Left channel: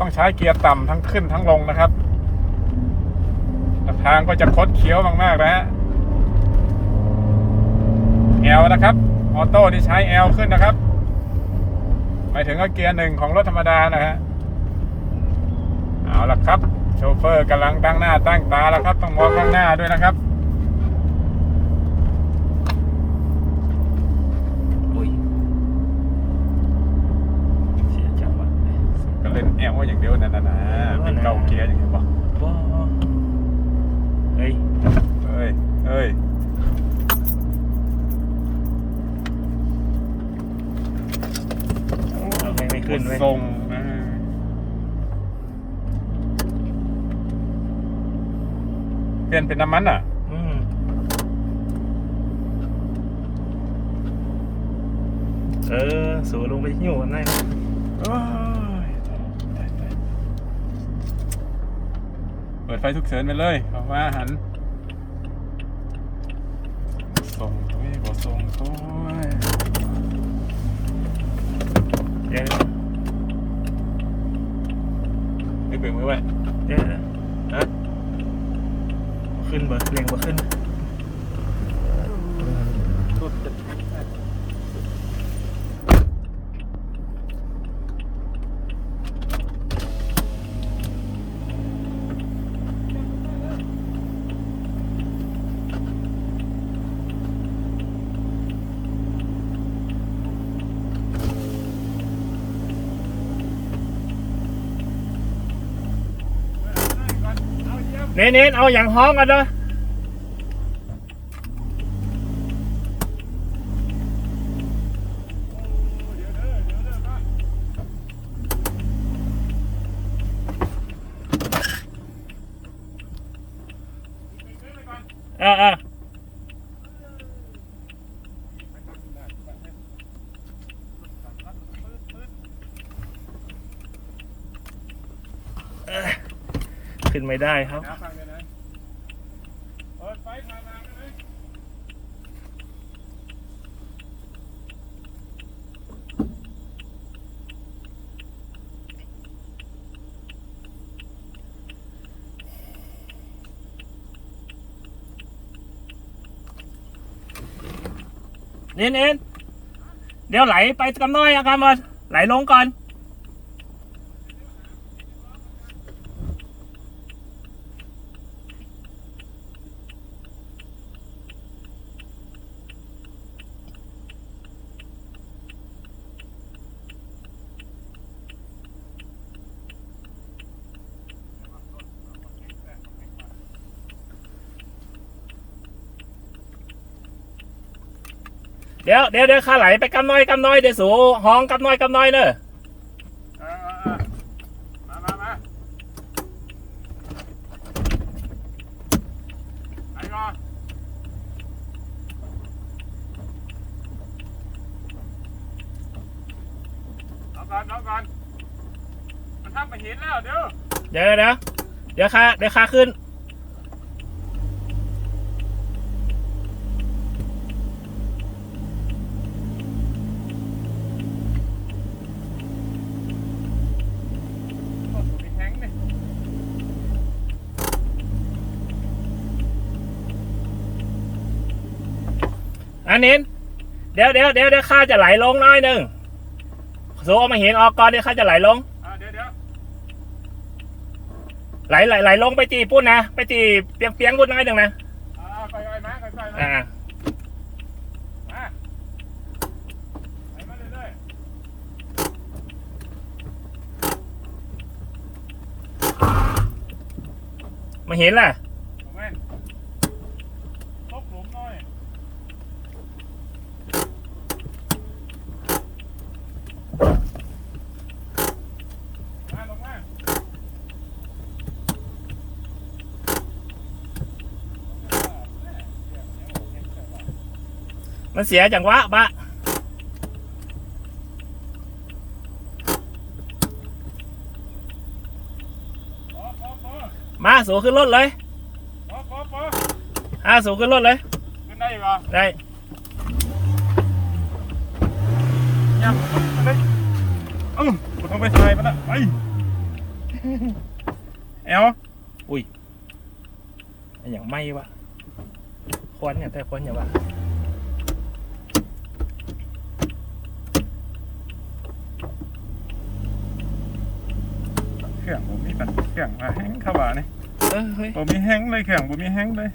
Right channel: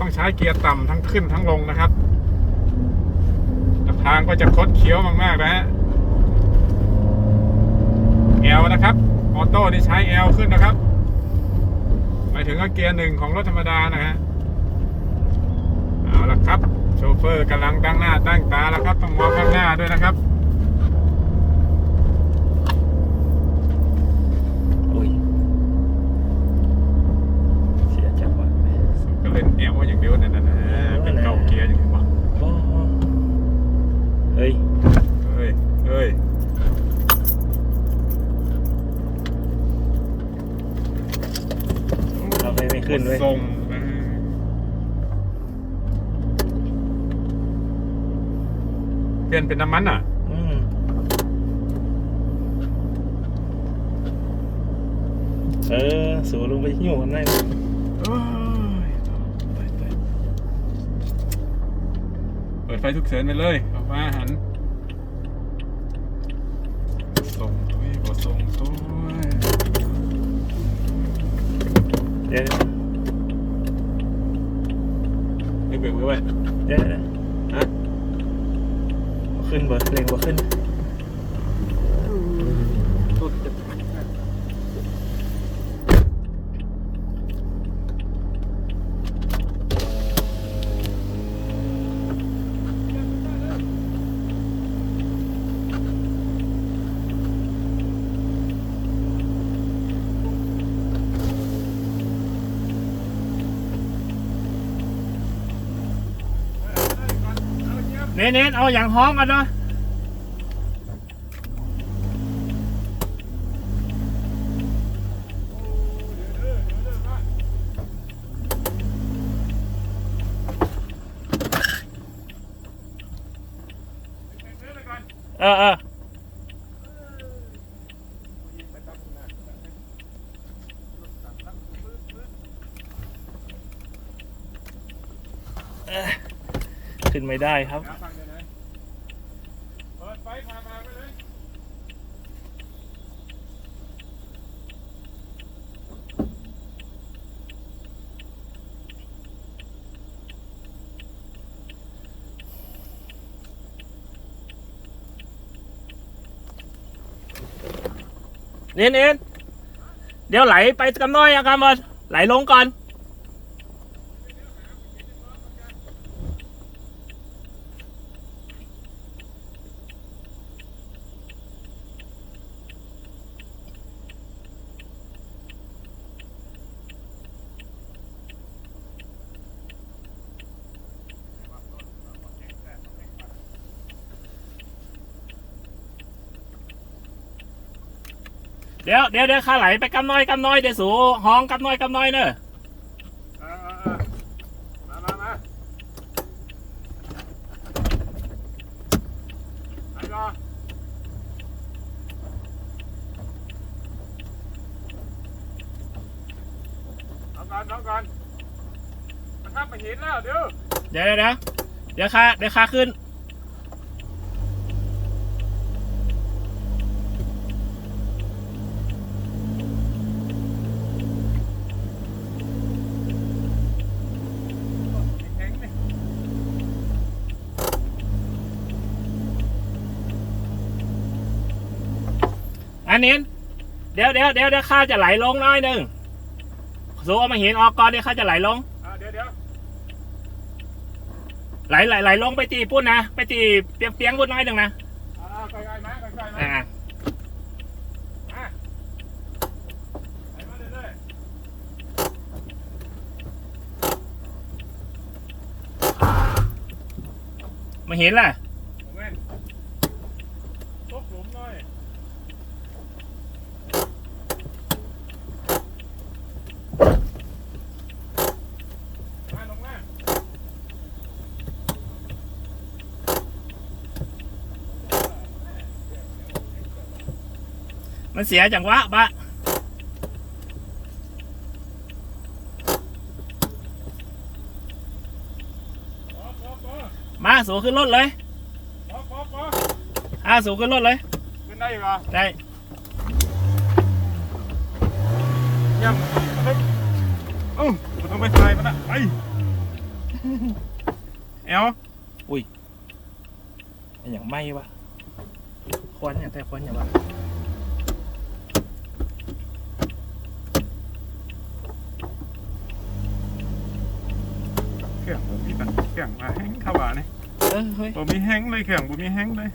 ต้องใช้เกียร์ต่ำทั้งขึ้นทั้งลงนะครับ ทางก็จะคดเคี้ยวมากๆนะฮะ L นะครับ ออโต้นี่ใช้ L ขึ้นนะครับ หมายถึงเกียร์หนึ่งของรถธรรมดานะฮะ เอาละครับ โชเฟอร์กำลังตั้งหน้าตั้งตาแล้วครับ ต้องมองข้างหน้าด้วยนะครับ อุ้ยเสียจังหวะ ก็เล่น L อย่างเดียวนั่นนะเป็นเก่าเกียร์อย่างที่บอก โอ้เฮ้ย เอ้ยเอ้ย เอาไปไม่ขึ้นเว้ย ทรงนะฮะเปลี่ยนเป็นน้ำมันอะ อืม เออ สูลงไปหิ้วกันได้นะเอ้ยตายตายเปิดไฟทุกเฉินไปเลยออกมาหันส่งตัวเองก็ส่งตัวเองเดี๋ยวไม่เบิ่งไม่ไหวเดี๋ยวฮะบ่ขึ้นบ่เร่งบ่ขึ้น เน้นเน้นเอาอย่างห้องกันเด้อเออเออเออขึ้นไม่ได้ครับ เปิดไฟพามาไปเลย เน้นเน้นเดี๋ยวไหลไปกัน้อยเอากันหมดไหลลงก่อน เดี๋ยวเดี๋ยวเดี๋ยวข้าไหลไปกำน้อยกำน้อยเดี๋ยวสูห้องกำน้อยกำน้อยเนอะเออเออเออมามามาไปรอเอาก่อนเอาก่อนมันทับมาหินแล้วเดี๋ยวเดี๋ยวเดี๋ยวเดี๋ยวเดี๋ยวข้าเดี๋ยวข้าขึ้น แข็งดิ อันนี้เดี๋ยวเดี๋ยวเดี๋ยวเดี๋ยวข้าจะไหลลงน้อยหนึ่งสูเอามาเห็นออกก่อนเดี๋ยวข้าจะไหลลงอ่าเดี๋ยวเดี๋ยวไหลไหลไหลลงไปตีปุ้นนะ ไปตีเปียงเปียงปุ้นน้อยหนึ่งนะอ่าค่อยๆนะค่อยๆนะอ่ามาไปมาเรื่อยมาเห็นล่ะ ๆเอาแม่นตกหลุมหน่อยมาลงมา มันเสียจังหวะบะปอปอปอมาสูขึ้นรถเลยปอปอปออ่าสูขึ้นรถเลยขึ้นได้อีกเหรอได้ย่ำอันนี้อืมกูต้องไปถ่ายมันนะไปแอลอันอย่างไม่วะควันเนี่ยแต่ควันอย่างวะ เครื่องผม มีปัญหาเครื่องว่าแห้งขวานี่เออเฮ้ยผมมีแห้งเลยเครื่องผมมีแห้งเลย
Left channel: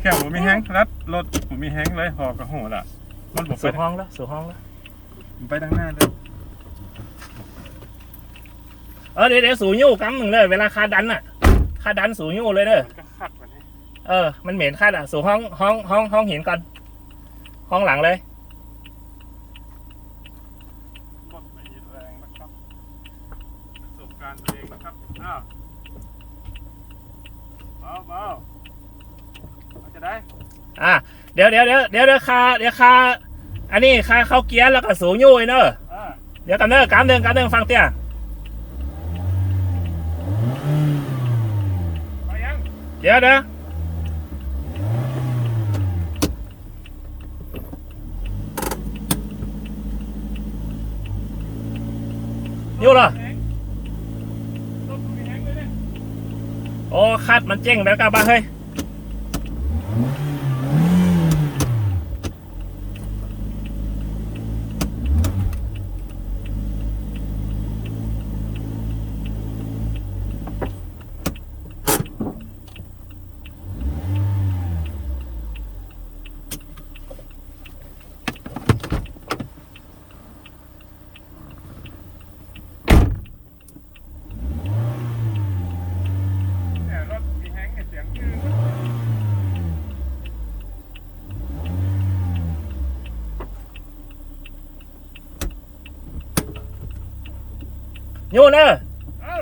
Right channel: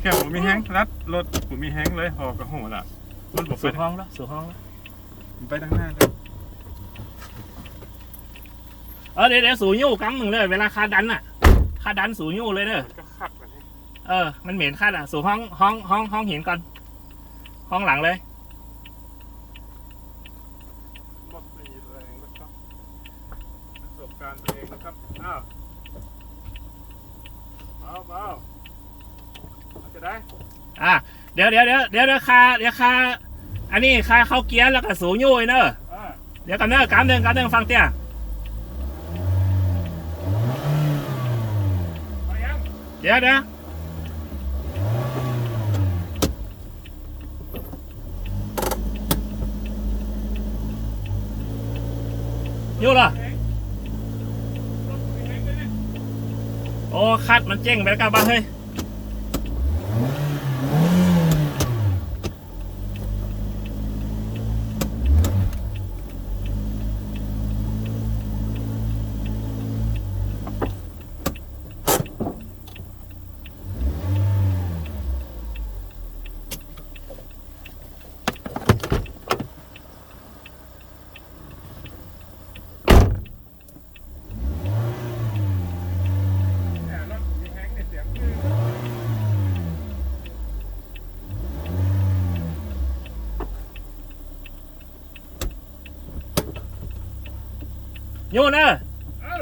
เครื่องผมมีแห้งรัดรถผมมีแห้งเลยพอกระโหละมันบอกไปสู่ห้องแล้วสู่ห้องแล้วผมไปทางหน้าเลยเออเดี๋ยวเดี๋ยวสู่ยู่กังหนึ่งเลยเวลาคาดันอะคาดันสู่ยู่เลยเด้อก็ขัดแบบนี้เออ มันเหม็นคาดอะ สู่ห้องห้องห้องห้องหินก่อน ห้องหลังเลยหมดมีแรงนะครับประสบการณ์เองนะครับอ้าวเบาเบาจะได้อะเดี๋ยวเดี๋ยวเดี๋ยวเดี๋ยวเดี๋ยวคาเดี๋ยวคาอันนี้คาเข้าเกียร์แล้วก็สู่ยู่ไอ้เนอะอ่าเดี๋ยวกันเนอะการเดินการเดินฟังเตี้ยเอายังเดี๋ยวเดี๋ยว ยู่เหรออ๋อคัดมันเจ๊งไปแล้วกันบ้าเฮ้ยรถผมมีแห้งเนี่ยเสียงคือ ยู่เนอะ เอ้า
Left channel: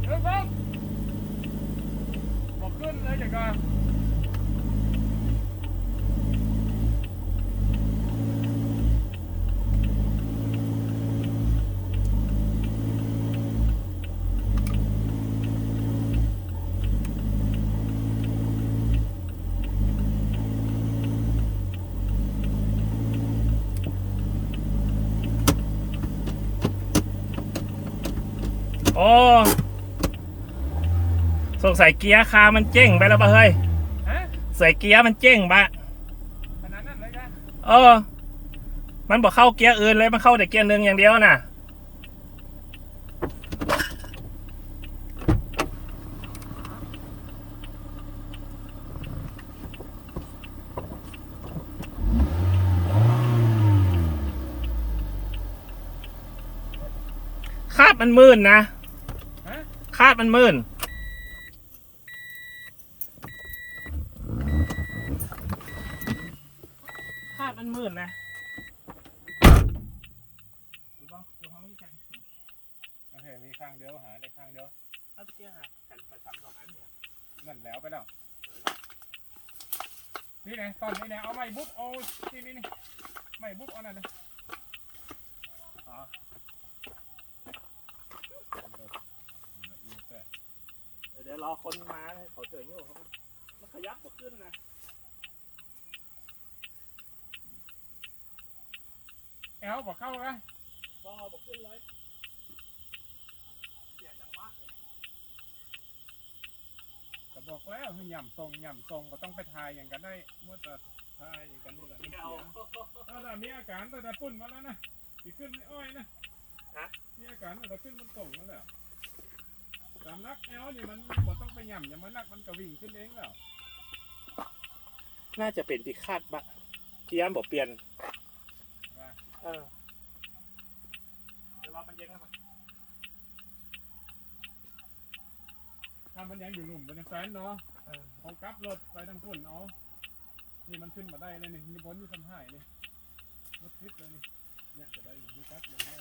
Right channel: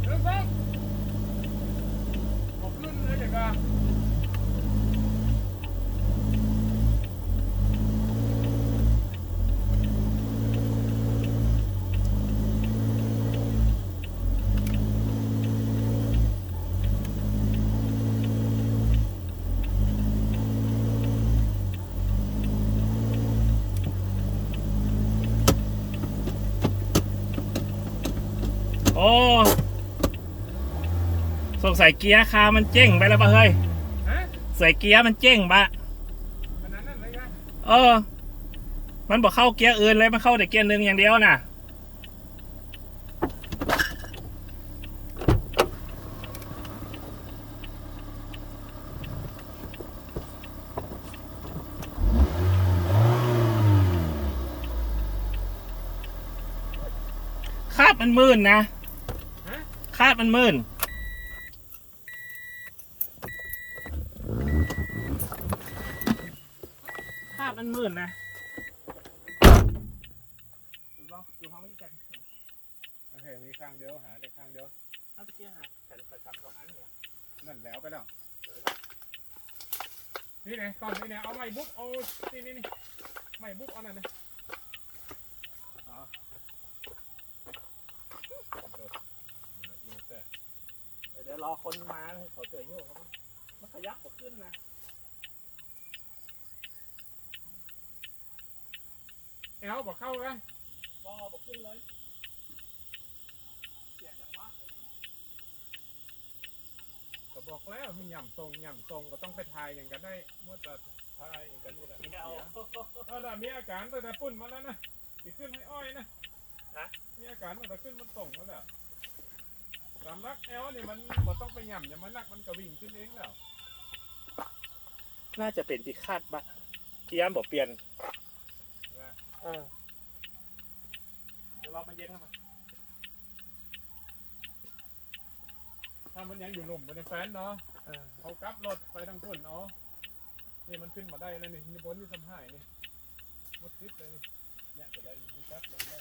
เดี๋ยวฟังผมขึ้นเลยอย่างก่อน โอ้สงสัยเกียร์คามันเจ๊งไปแล้วบ้าเฮ้ยฮะใส่เกียร์มันเจ๊งบะขนาดนั้นเลยกันเออ มันบอกเข้าเกียร์อื่นเลยมันเข้าแต่เกียร์หนึ่งอย่างเดียวน่ะ คาดมันมื่นนะฮะคาดมันมื่นคาดมันมื่นนะดูบ้างดูห้องไม่แจ้งโอเคมีข้างเดียวหาได้ข้างเดียวเอาตะเกียงอะแต่ใส่จับสองอันเนี่ยนั่นแล้วไปแล้ว นี่ไงตอนนี้เนี่ยเอาไม้บุ๊บเอานี่นี่นี่ไม้บุ๊บเอานั่นนะอ๋อเเดี๋ยวรอคนมาขอเจอโยกครับมันขยับตัวขึ้นนะแอลบอกเข้าไปรอบอกขึ้นเลยเสียจังวะก็บอกแล้วให้ย่ำทรงย่ำทรงก็ต้องไปทายอย่างกันได้เมื่อแต่ทายอย่างกันนี่แหละมันเอาเสียเออแต่มีอาการตั้งแต่ปุ่นมาแล้วนะมีขึ้นให้อ้อยนะมีอาการตั้งแต่ขึ้นมันส่งแล้วแหละ สำลักแอลนี่มันบ่ต้องไปย่ำอย่างมันนักมันก็วิ่งขึ้นเองแล้วน่าจะเป็นที่คาดบะเกียร์บอกเปลี่ยนนะเออเดี๋ยวเราไปเย็นกันมาถ้ามันยังอยู่หลุมเป็นแฟนเนาะเออเอากลับรถไปทางพุ่นเอานี่มันขึ้นมาได้แล้วนี่นี่บนนี่สมหายนี่มดทิศเลยนี่เนี่ยจะได้อยู่ที่กลับลงได้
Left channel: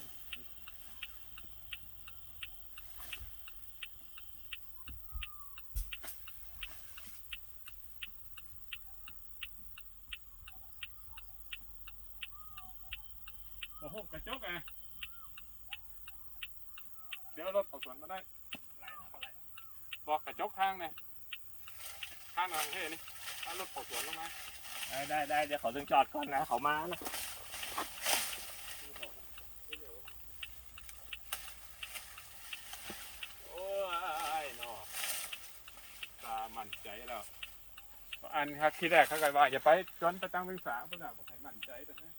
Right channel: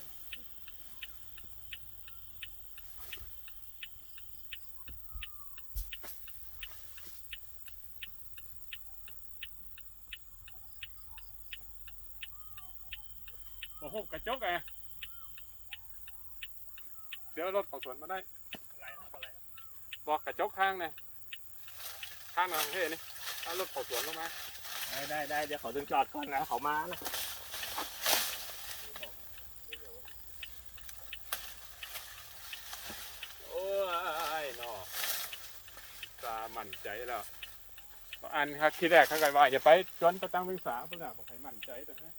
บ่พบกระจกอะเดี๋ยวรถเขาสวนมาได้อะไรนะอะไรนะบอกกระจกข้างเนี่ยข้างหลังเท่นี่เอารถเขาสวนลงมาได้ได้ได้เดี๋ยวเขาถึงจอดก่อนนะเขามานะโอ้ยเนาะตามั่นใจแล้วอันครับที่แรกเขาก็ว่าอย่าไปจนไปตั้งศึกษาเพื่อบอกให้มั่นใจตรงนี้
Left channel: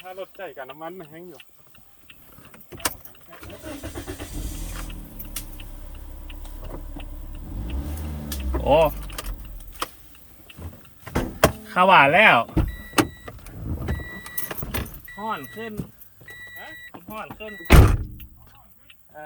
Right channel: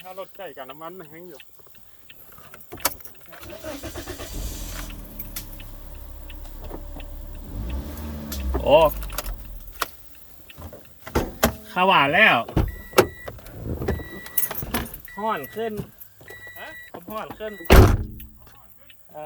ถ้ารถใกล้กับน้ำมันนะแห้งอยู่โอ้ข้าวหวานแล้วห่อนขึ้นฮะห่อนขึ้นอ่า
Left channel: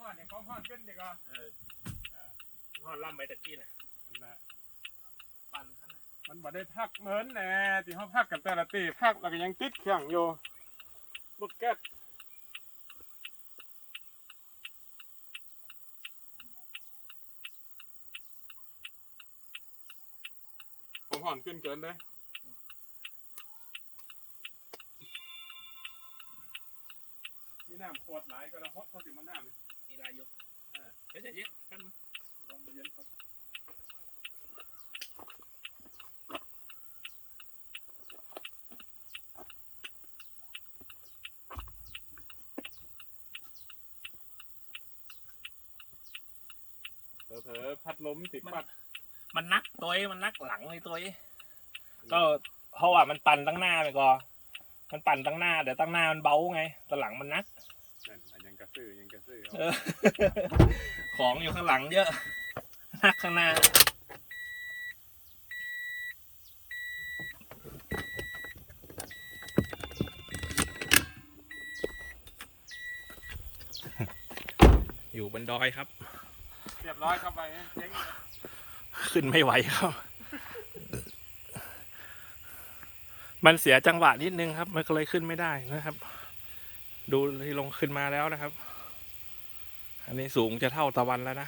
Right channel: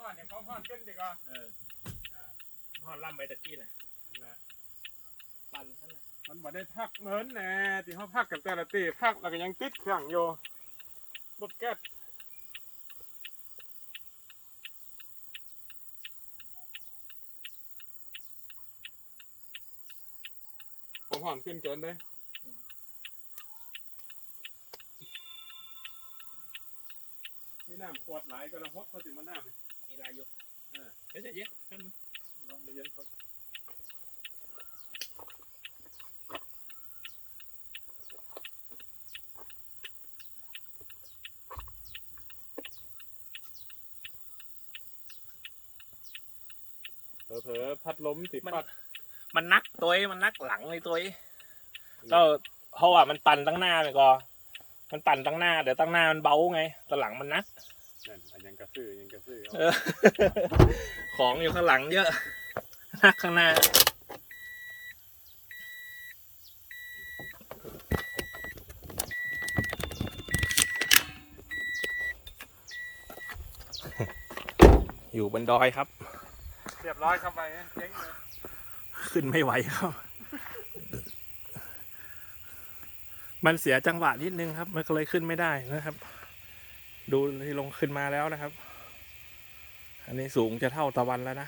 เอ๊ะของห่อนเนี่ยของห่อนเป็นดีกว่าเออห่อนล่ำไปตะกี้น่ะอันน่ะปั่นข้างในมันบ่ได้พักเหมือนแน่ที่เขาพักกันแต่ละตีพักแล้วก็ยังติดเครื่องอยู่รถแก๊สผมห่อนขึ้นเกินเลยนี่น้ำขวดหลายก็ละฮดเขาถึงมาน้ำนี่มีลาย อยู่เออเดี๋ยวจะเย็บกันมึงลองไปเย็นก่อนเผลอๆพัดลมติดมันปัดมันนักตัวเองมันนักหลังเลยตัวเองก็เพราะว่ามันปั่นตั้งหน้าเลยก็ มันปั่นตั้งหน้าเดี๋ยวตั้งหน้ามันเบาไงแตหลังมันนัก ของอยู่ข้างหลังเยอะนักข้างหน้า อยู่บนดอยครับ เรียบร้อยเข้าไปนะเจ๊งเลยขึ้นไม่ไหวครับ มันเสียจังหวะนิดนึงครับ มันก็เลยขึ้นไม่ได้นะครับ ดูที่ลงขึ้นมาแล้วนะครับ อันนี้สูงจะเท่าตะวันแล้วนะ